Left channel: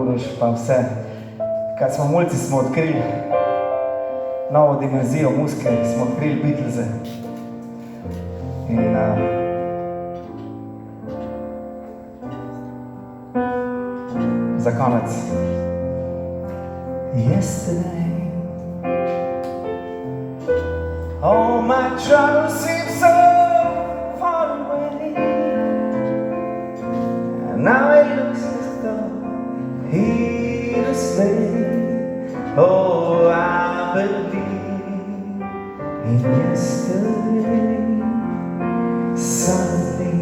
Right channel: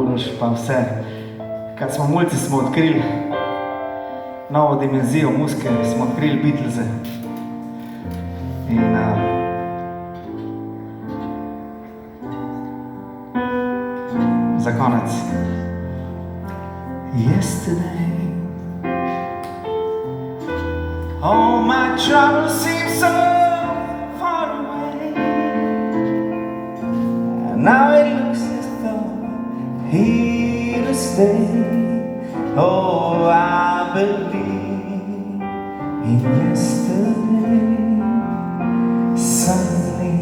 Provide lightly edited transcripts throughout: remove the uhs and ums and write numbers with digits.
Uroš, pa vse. Kad smo mulci, smo odkrili novo dimenzijo muzike, smo odkrili Beatlese. In za konec. Yesterday all my troubles seem so far away, and now it looks as though here to stay. Oh, I believe in yesterday. Suddenly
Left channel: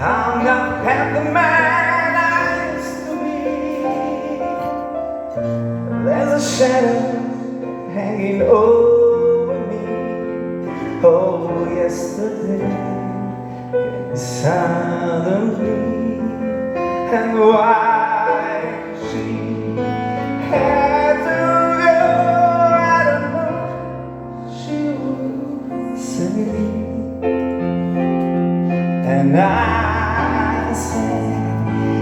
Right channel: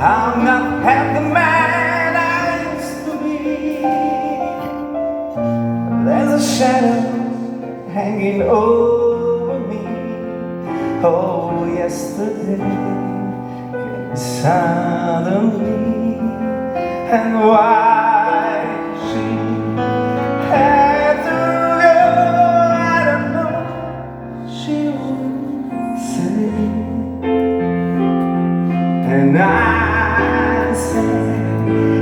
I'm not half the man I used to be. There's a shadow hanging over me. Oh, yesterday gets inside of me. And why she had to go, I don't know, she would say. And I say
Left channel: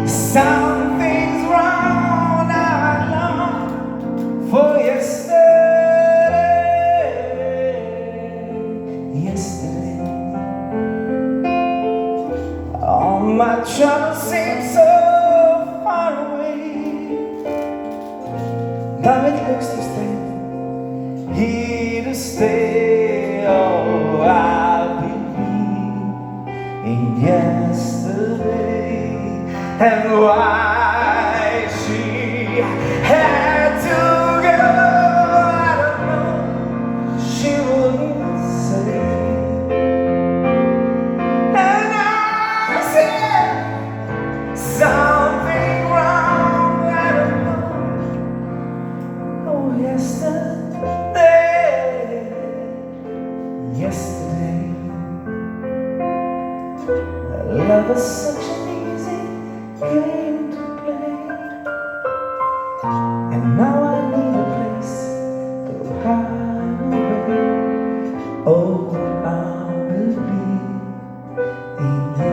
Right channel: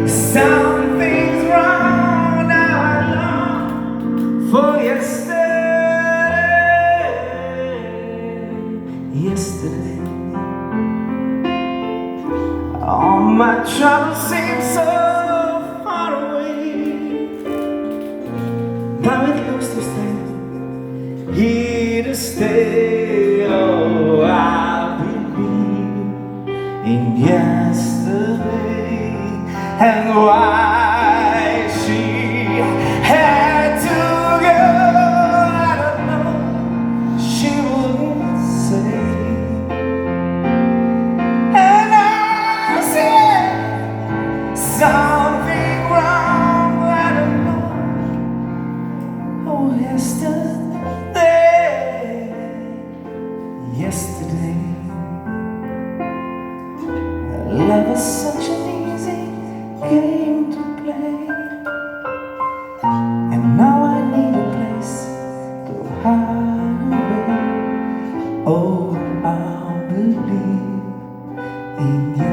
something's wrong, now I long for yesterday. Yesterday, all my troubles seem so far away. Now it looks to stay, here to stay. Oh, I believe in yesterday. And why she had to go, I don't know, she wouldn't say. And I said something wrong, I don't know. Oh, yesterday, yesterday, love is such an easy game to play, and now I need a place to hide away. Oh, I believe in you.